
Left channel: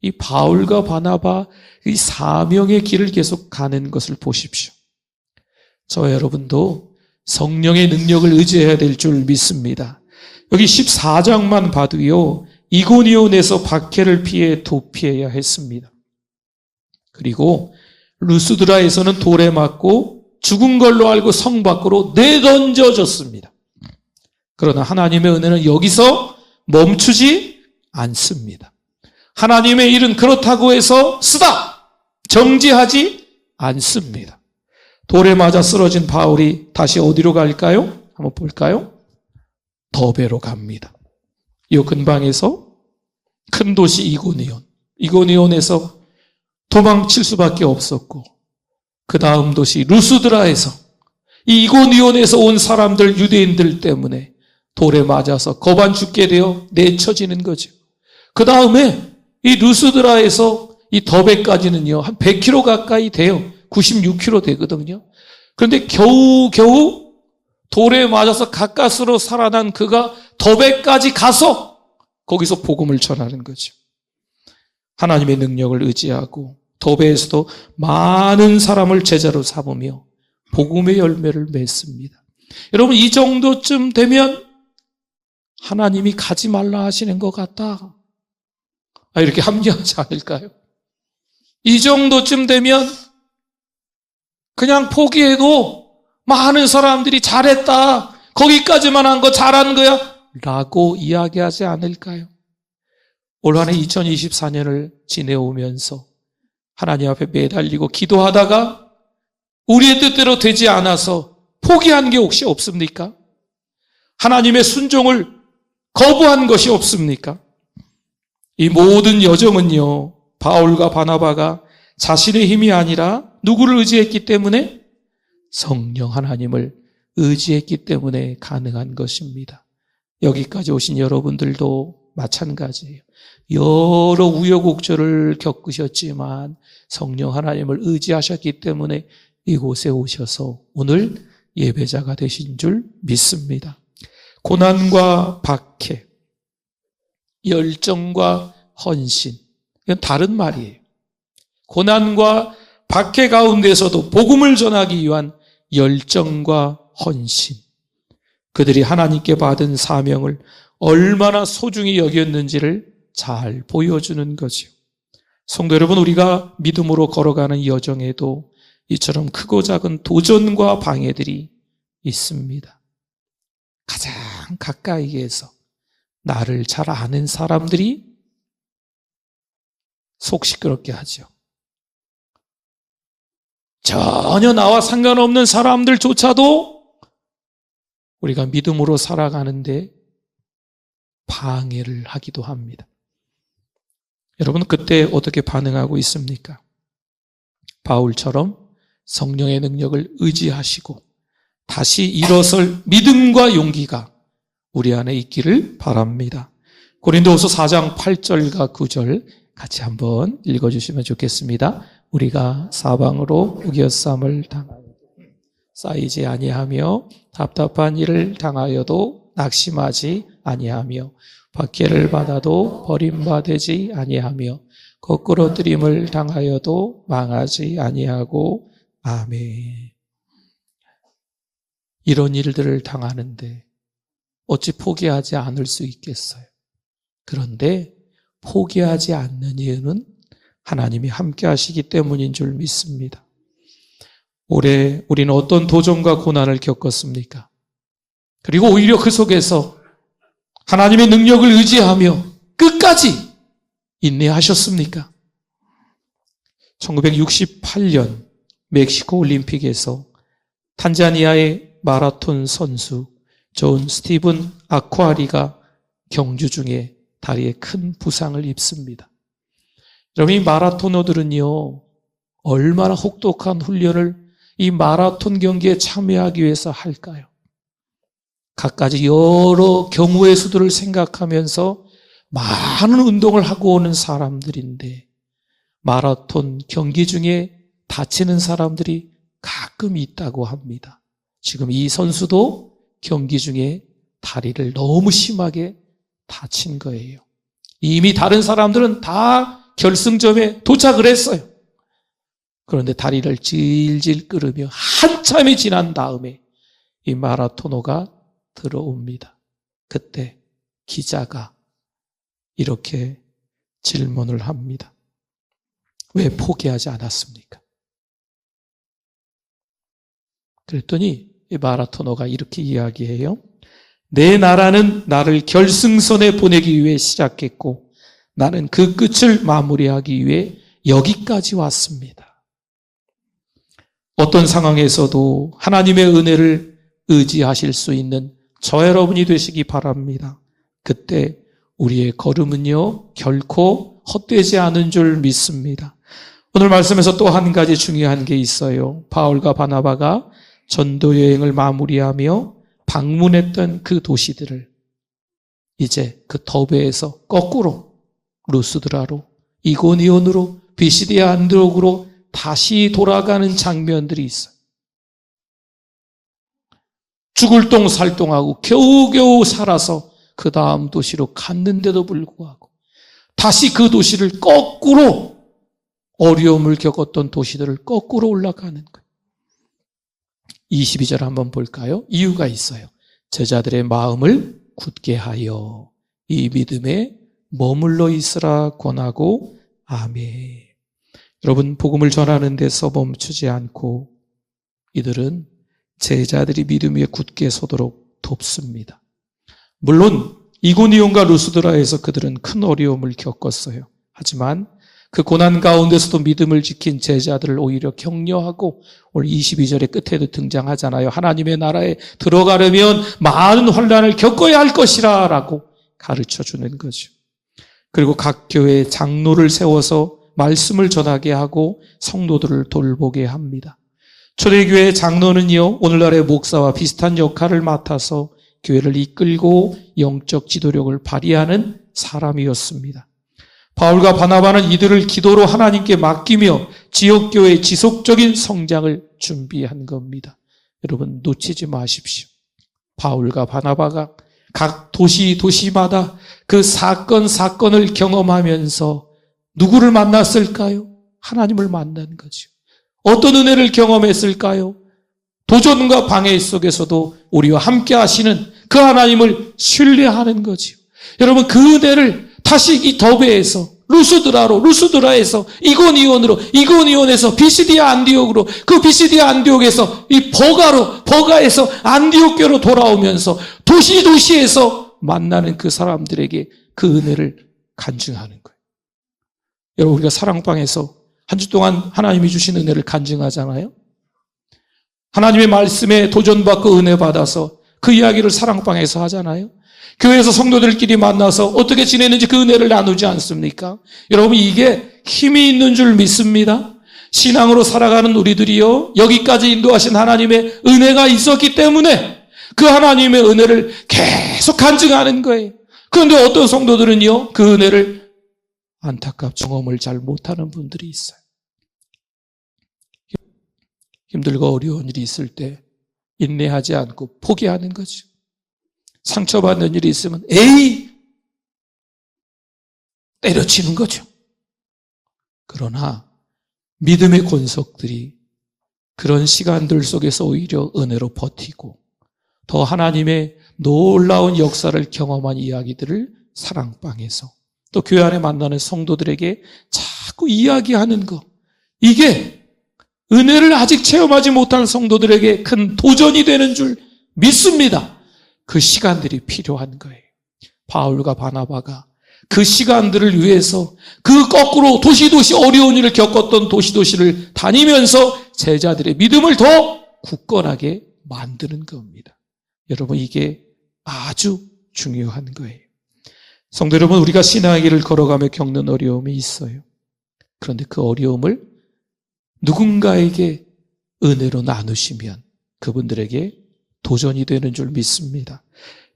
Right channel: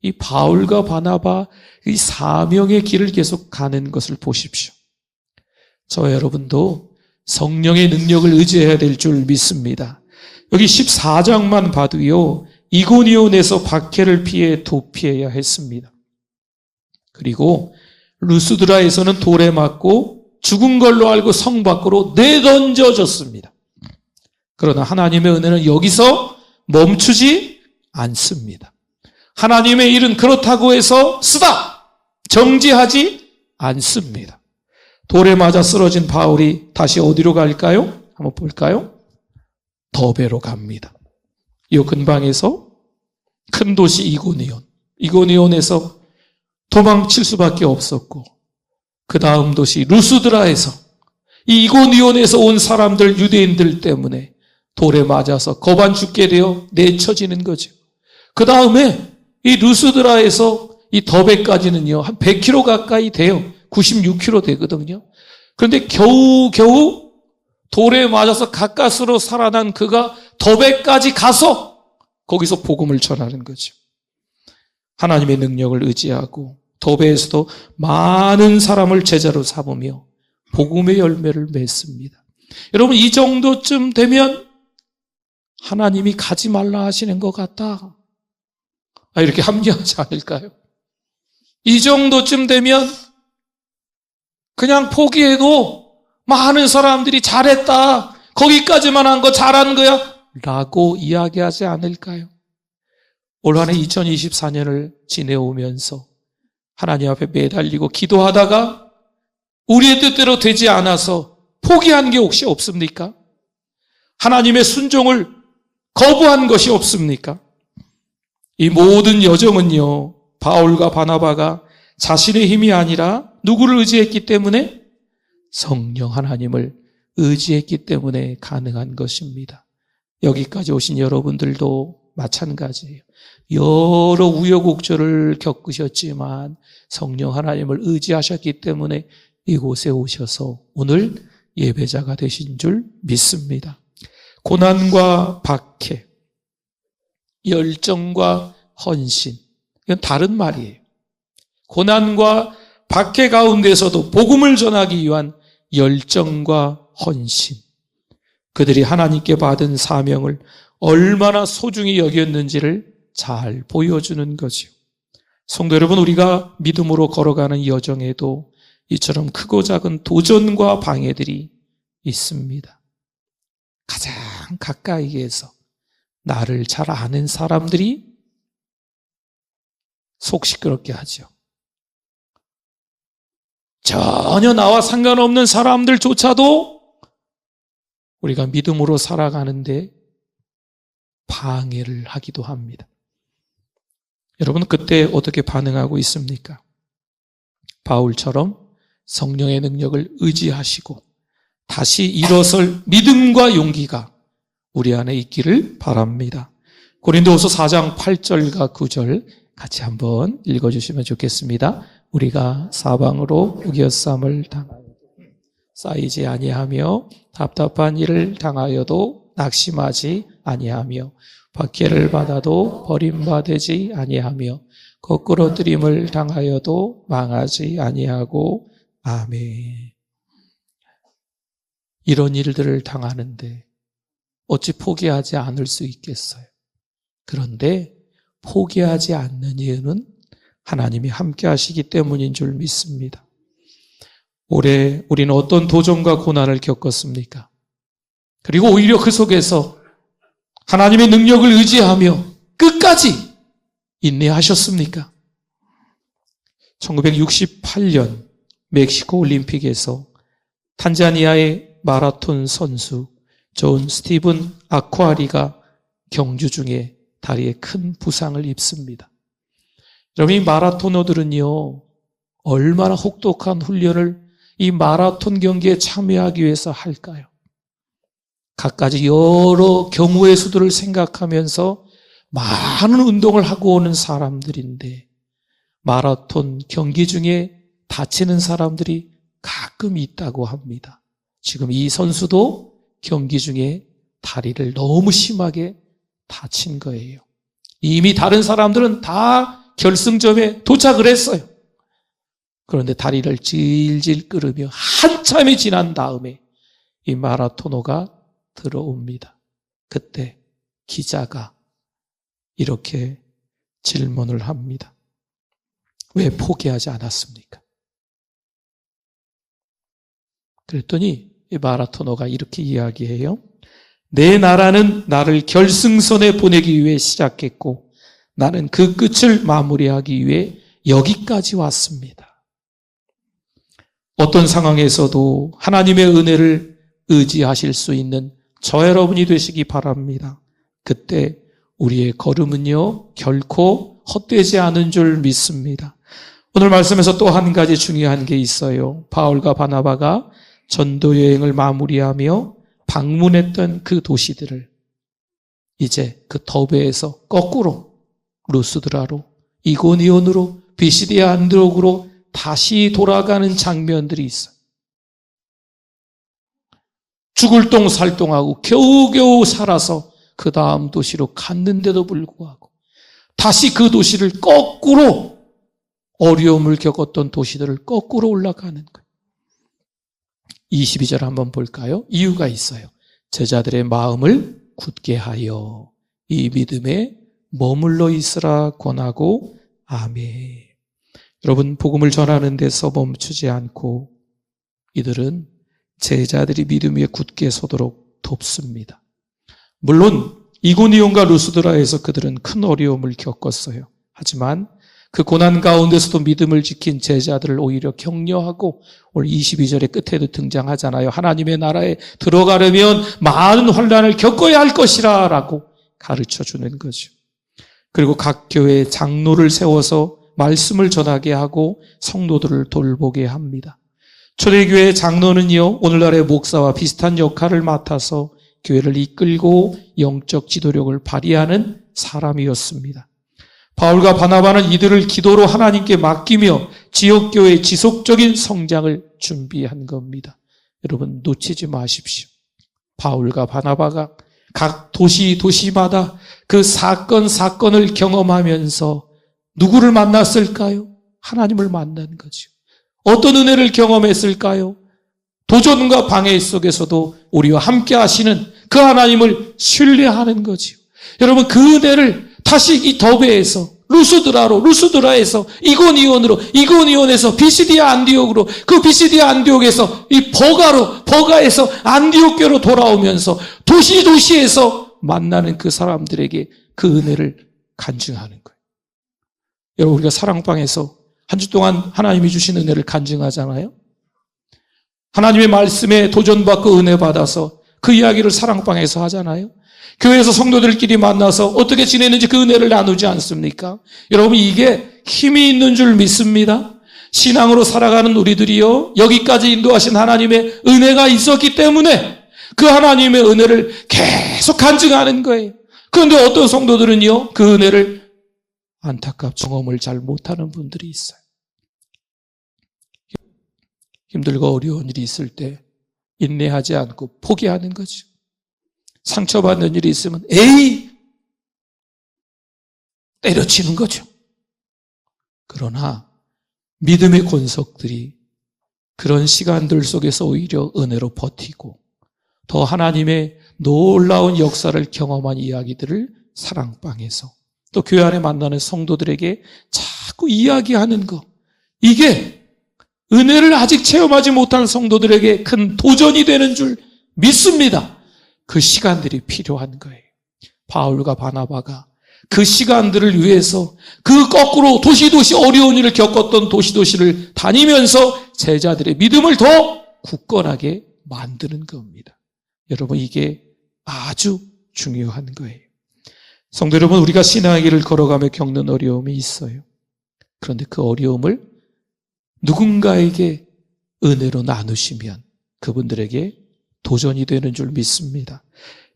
이 바울과 바나바 이 사명의 길을 계속 가는 것을 보십시오. 저와 여러분도 성령의 능력을 의지해야 될 줄 믿습니다. 여기 14장만 봐도요, 이고니온에서 박해를 피해 도피해야 했습니다. 그리고 루스드라에서는 돌에 맞고 죽은 걸로 알고 성 밖으로 내던져졌습니다. 그러나 하나님의 은혜는 여기서 멈추지 않습니다. 하나님의 일은 그렇다고 해서 쓰다! 정지하지 않습니다. 돌에 맞아 쓰러진 바울이 다시 어디로 갈까요? 한번 볼까요? 더베로 갑니다. 이 근방에서 큰 도시 이고니온에서 도망칠 수밖에 없었고 그 다음 도시 루스드라에서 이 이고니온에서 온 사람들, 유대인들 때문에 돌에 맞아서 거반 죽게 되어 내쳐지는 거죠. 그 다음에 이 루스드라에서 이 더베까지는요, 한 100km 가까이 돼요. 96km 되거든요. 그런데 겨우 돌에 맞아서 가까스로 살아난 그가 더베까지 가서 거기서 복음을 전하는 거죠. 하나님의 능력을 의지하고 더베에서도 많은 사람을 제자로 삼으며 복음의 열매를 맺습니다. 여러분, 이 정도쯤 되면 하나님이 가지 말라 하시는 것 같다, 이렇게 합리하지 않을까요? 이 정도쯤 되면 그냥 포기해도 많은 사람들이 잘했다, 거기까지만 한 거 잘한 거야 라고 이야기하지 않을까요? 올 한해 2024년을 지내오면서 하나님 앞에 매달리고 기도하다가 우리의 뜻대로 되지 않아서 포기한 게 혹시 없습니까? 하나님의 순종을 거부한 것이 없습니까? 이 모든 여정은요, 바울과 바나바가 자신의 힘이 아니라 누구를 의지했기 때문에? 성령 하나님을 의지했기 때문에 가능한 것입니다. 여기까지 오신 여러분들도 마찬가지예요. 여러 우여곡절을 겪으셨지만 성령 하나님을 의지하셨기 때문에 이곳에 오셔서 오늘 예배자가 되신 줄 믿습니다. 고난과 박해, 열정과 헌신, 이건 다른 말이에요. 고난과 박해 가운데서도 복음을 전하기 위한 열정과 헌신, 그들이 하나님께 받은 사명을 얼마나 소중히 여겼는지를 잘 보여주는 거죠. 성도 여러분, 우리가 믿음으로 걸어가는 여정에도 이처럼 크고 작은 도전과 방해들이 있습니다. 가장 가까이에서 나를 잘 아는 사람들이 속 시끄럽게 하죠. 전혀 나와 상관없는 사람들조차도 우리가 믿음으로 살아가는데 방해를 하기도 합니다. 여러분, 그때 어떻게 반응하고 있습니까? 바울처럼 성령의 능력을 의지하시고 다시 일어설 믿음과 용기가 우리 안에 있기를 바랍니다. 고린도후서 4장 8절과 9절 같이 한번 읽어주시면 좋겠습니다. 우리가 사방으로 우겨쌈을 당하여 쌓이지 아니하며 답답한 일을 당하여도 낙심하지 아니하며 박해를 받아도 버림받지 아니하며 거꾸로 뜨림을 당하여도 망하지 아니하고 아멘. 이런 일들을 당하는데 어찌 포기하지 않을 수 있겠어요? 그런데 포기하지 않는 이유는 하나님이 함께 하시기 때문인 줄 믿습니다. 올해 우리는 어떤 도전과 고난을 겪었습니까? 그리고 오히려 그 속에서 하나님의 능력을 의지하며 끝까지 인내하셨습니까? 1968년 멕시코 올림픽에서 탄자니아의 마라톤 선수 존 스티븐 아쿠아리가 경주 중에 다리에 큰 부상을 입습니다. 여러분, 이 마라토너들은요, 얼마나 혹독한 훈련을 이 마라톤 경기에 참여하기 위해서 할까요? 갖가지 여러 경우의 수들을 생각하면서 많은 운동을 하고 오는 사람들인데 마라톤 경기 중에 다치는 사람들이 가끔 있다고 합니다. 지금 이 선수도 경기 중에 다리를 너무 심하게 다친 거예요. 이미 다른 사람들은 다 결승점에 도착을 했어요. 그런데 다리를 질질 끌으며 한참이 지난 다음에 이 마라토너가 들어옵니다. 그때 기자가 이렇게 질문을 합니다. 왜 포기하지 않았습니까? 그랬더니 이 마라토너가 이렇게 이야기해요. 내 나라는 나를 결승선에 보내기 위해 시작했고 나는 그 끝을 마무리하기 위해 여기까지 왔습니다. 어떤 상황에서도 하나님의 은혜를 의지하실 수 있는 저 여러분이 되시기 바랍니다. 그때 우리의 걸음은요 결코 헛되지 않은 줄 믿습니다. 오늘 말씀에서 또 한 가지 중요한 게 있어요. 바울과 바나바가 전도 여행을 마무리하며 방문했던 그 도시들을 이제 그 더베에서 거꾸로 루스드라로, 이고니온으로, 비시디아 안디옥으로 다시 돌아가는 장면들이 있어요. 죽을 똥 살똥하고 겨우겨우 살아서 그 다음 도시로 갔는데도 불구하고 다시 그 도시를 거꾸로, 어려움을 겪었던 도시들을 거꾸로 올라가는 거예요. 22절 한번 볼까요? 이유가 있어요. 제자들의 마음을 굳게 하여 이 믿음에 머물러 있으라 권하고. 아멘. 여러분, 복음을 전하는 데서 멈추지 않고 이들은 제자들이 믿음 위에 굳게 서도록 돕습니다. 물론 이고니온과 루스드라에서 그들은 큰 어려움을 겪었어요. 하지만 그 고난 가운데서도 믿음을 지킨 제자들을 오히려 격려하고, 오늘 22절의 끝에도 등장하잖아요. 하나님의 나라에 들어가려면 많은 환난을 겪어야 할 것이라 라고 가르쳐주는 거죠. 그리고 각 교회에 장로를 세워서 말씀을 전하게 하고 성도들을 돌보게 합니다. 초대교회의 장로는요, 오늘날의 목사와 비슷한 역할을 맡아서 교회를 이끌고 영적 지도력을 발휘하는 사람이었습니다. 바울과 바나바는 이들을 기도로 하나님께 맡기며 지역교회의 지속적인 성장을 준비한 겁니다. 여러분, 놓치지 마십시오. 바울과 바나바가 각 도시마다 그 사건을 경험하면서 누구를 만났을까요? 하나님을 만난 거죠. 어떤 은혜를 경험했을까요? 도전과 방해 속에서도 우리와 함께 하시는 그 하나님을 신뢰하는 거죠. 여러분, 그 은혜를 다시 이 더베에서 루스드라에서 이고니온에서 비시디아 안디옥으로, 그 비시디아 안디옥에서 이 버가에서 안디옥교로 돌아오면서 도시에서 만나는 그 사람들에게 그 은혜를 간증하는 거예요. 여러분, 우리가 사랑방에서 한 주 동안 하나님이 주신 은혜를 간증하잖아요. 하나님의 말씀에 도전받고 은혜 받아서 그 이야기를 사랑방에서 하잖아요. 교회에서 성도들끼리 만나서 어떻게 지내는지 그 은혜를 나누지 않습니까? 여러분, 이게 힘이 있는 줄 믿습니다. 신앙으로 살아가는 우리들이요, 여기까지 인도하신 하나님의 은혜가 있었기 때문에 그 하나님의 은혜를 계속 간증하는 거예요. 그런데 어떤 성도들은요, 그 은혜를 안타깝게 경험을 잘 못하는 분들이 있어요. 힘들고 어려운 일이 있을 때 인내하지 않고 포기하는 거죠. 상처받는 일이 있으면 때려치는 거죠. 그러나 믿음의 권속들이 그런 시간들 속에서 오히려 은혜로 버티고 더 하나님의 놀라운 역사를 경험한 이야기들을 사랑방에서 또 교회 안에 만나는 성도들에게 자꾸 이야기하는 것, 이게 은혜를 아직 체험하지 못한 성도들에게 큰 도전이 되는 줄 믿습니다. 그 시간들이 필요한 거예요. 바울과 바나바가 그 시간들을 위해서 그 거꾸로 도시 어려운 일을 겪었던 도시를 다니면서 제자들의 믿음을 더 굳건하게 만드는 겁니다. 여러분, 이게 아주 중요한 거예요. 성도 여러분, 우리가 신앙의 길을 걸어가며 겪는 어려움이 있어요. 그런데 그 어려움을 누군가에게 은혜로 나누시면 그분들에게 도전이 되는 줄 믿습니다.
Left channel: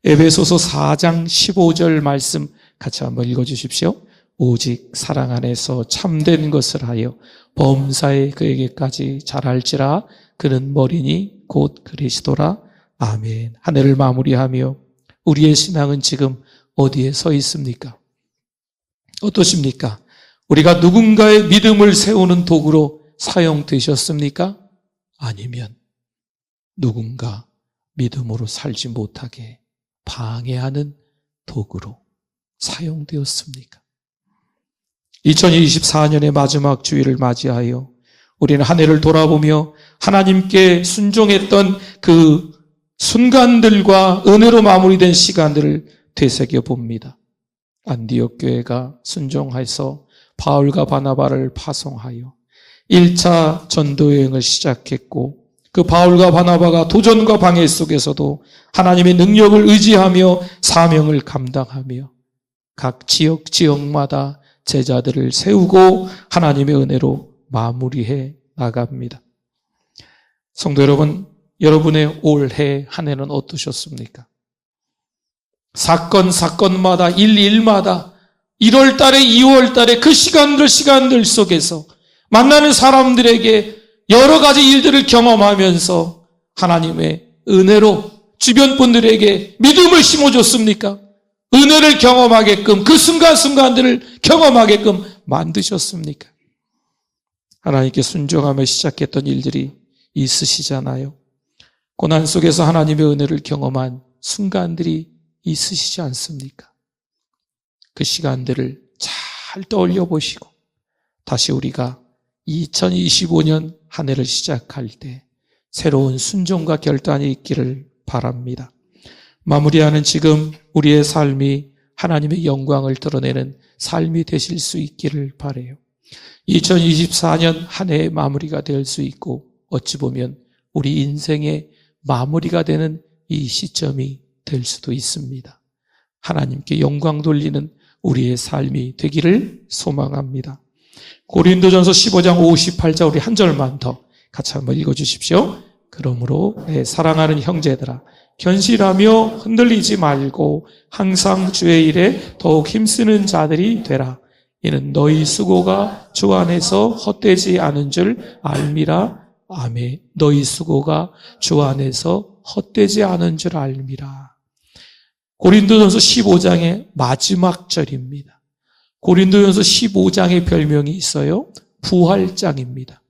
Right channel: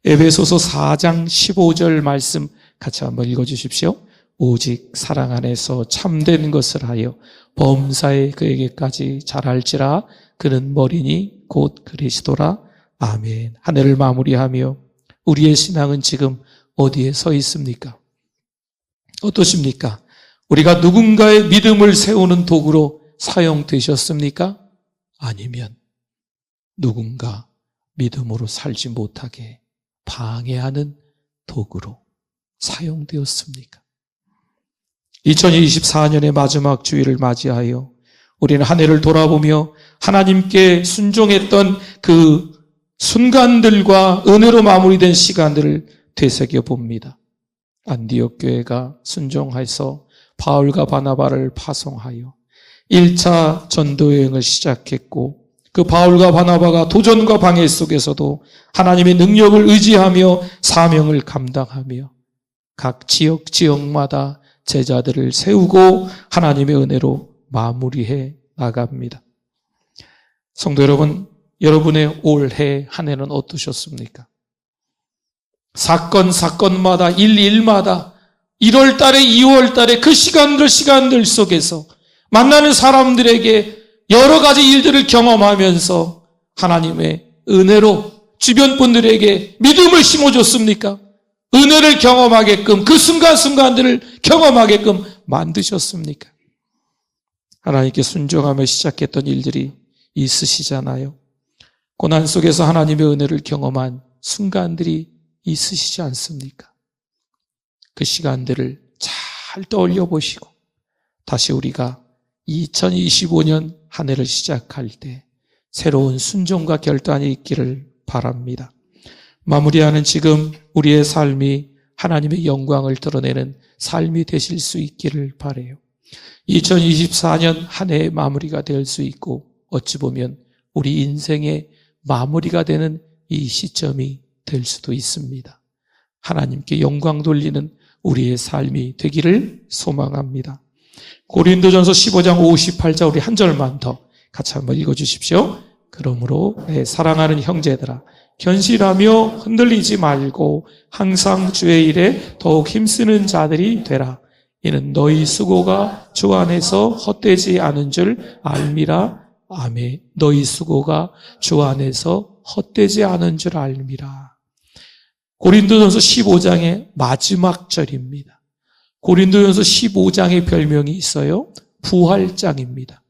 에베소서 4장 15절 말씀 같이 한번 읽어주십시오. 오직 사랑 안에서 참된 것을 하여 범사에 그에게까지 잘할지라. 그는 머리니 곧 그리스도라. 아멘. 한 해를 마무리하며 우리의 신앙은 지금 어디에 서 있습니까? 어떠십니까? 우리가 누군가의 믿음을 세우는 도구로 사용되셨습니까? 아니면 누군가 믿음으로 살지 못하게 방해하는 도구로 사용되었습니까? 2024년의 마지막 주일을 맞이하여 우리는 한 해를 돌아보며 하나님께 순종했던 그 순간들과 은혜로 마무리된 시간들을 되새겨 봅니다. 안디옥 교회가 순종해서 바울과 바나바를 파송하여 1차 전도여행을 시작했고, 그 바울과 바나바가 도전과 방해 속에서도 하나님의 능력을 의지하며 사명을 감당하며 각 지역마다 제자들을 세우고 하나님의 은혜로 마무리해 나갑니다. 성도 여러분, 여러분의 올해 한 해는 어떠셨습니까? 사건마다 일마다 1월 달에 2월 달에 그 시간들 속에서 만나는 사람들에게 여러 가지 일들을 경험하면서 하나님의 은혜로 주변 분들에게 믿음을 심어줬습니까? 은혜를 경험하게끔 그 순간순간들을 경험하게끔 만드셨습니까? 하나님께 순종하며 시작했던 일들이 있으시잖아요. 고난 속에서 하나님의 은혜를 경험한 순간들이 있으시지 않습니까? 그 시간들을 잘 떠올려 보시고 다시 우리가 2025년 한 해를 시작할 때 새로운 순종과 결단이 있기를 바랍니다. 마무리하는 지금 우리의 삶이 하나님의 영광을 드러내는 삶이 되실 수 있기를 바라요. 2024년 한 해의 마무리가 될 수 있고 어찌 보면 우리 인생의 마무리가 되는 이 시점이 될 수도 있습니다. 하나님께 영광 돌리는 우리의 삶이 되기를 소망합니다. 고린도전서 15장 58절 우리 한 절만 더 같이 한번 읽어주십시오. 그러므로 내 사랑하는 형제들아 견실하며 흔들리지 말고 항상 주의 일에 더욱 힘쓰는 자들이 되라. 이는 너희 수고가 주 안에서 헛되지 않은 줄 알미라. 아멘. 너희 수고가 주 안에서 헛되지 않은 줄 알미라. 고린도전서 15장의 마지막 절입니다. 고린도전서 15장의 별명이 있어요. 부활장입니다.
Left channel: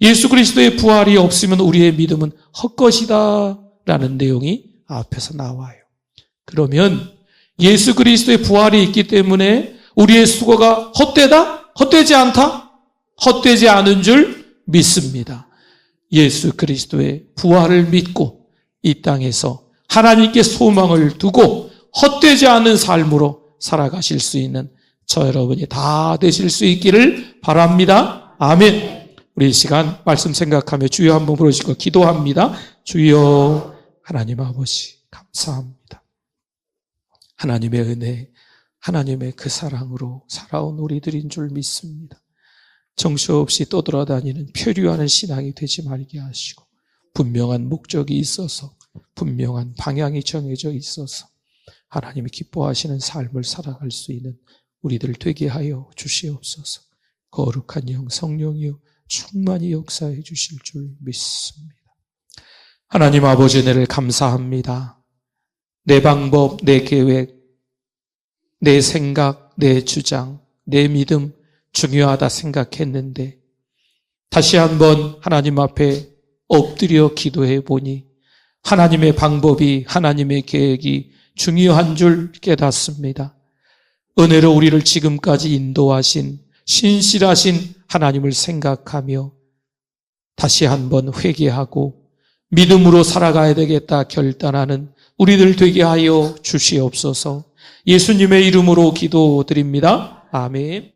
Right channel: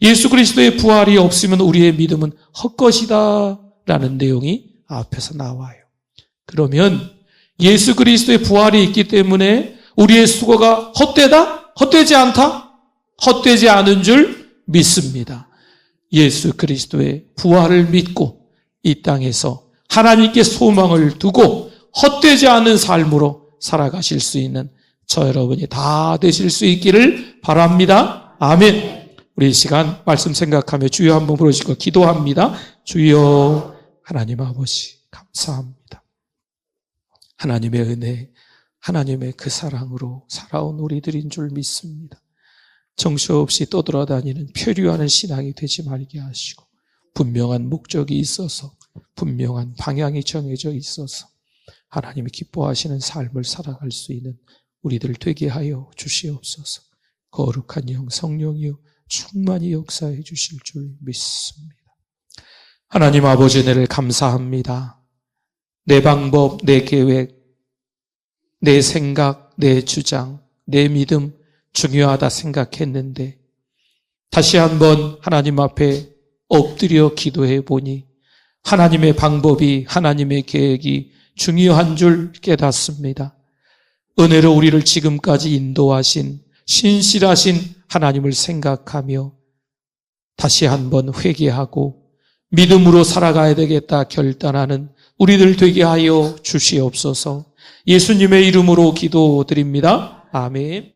예수 그리스도의 부활이 없으면 우리의 믿음은 헛것이다 라는 내용이 앞에서 나와요. 그러면 예수 그리스도의 부활이 있기 때문에 우리의 수고가 헛되다? 헛되지 않다? 헛되지 않은 줄 믿습니다. 예수 그리스도의 부활을 믿고 이 땅에서 하나님께 소망을 두고 헛되지 않은 삶으로 살아가실 수 있는 저 여러분이 다 되실 수 있기를 바랍니다. 아멘. 우리 이 시간 말씀 생각하며 주여 한번 부르시고 기도합니다. 주여 하나님 아버지 감사합니다. 하나님의 은혜, 하나님의 그 사랑으로 살아온 우리들인 줄 믿습니다. 정처없이 떠돌아다니는 표류하는 신앙이 되지 말게 하시고 분명한 목적이 있어서 분명한 방향이 정해져 있어서 하나님이 기뻐하시는 삶을 살아갈 수 있는 우리들 되게 하여 주시옵소서. 거룩한 영 성령이여 충만히 역사해 주실 줄 믿습니다. 하나님 아버지 은혜를 감사합니다. 내 방법, 내 계획, 내 생각, 내 주장, 내 믿음 중요하다 생각했는데 다시 한번 하나님 앞에 엎드려 기도해 보니 하나님의 방법이, 하나님의 계획이 중요한 줄 깨닫습니다. 은혜로 우리를 지금까지 인도하신 신실하신 하나님을 생각하며 다시 한번 회개하고 믿음으로 살아가야 되겠다 결단하는 우리들 되게 하여 주시옵소서. 예수님의 이름으로 기도드립니다. 아멘.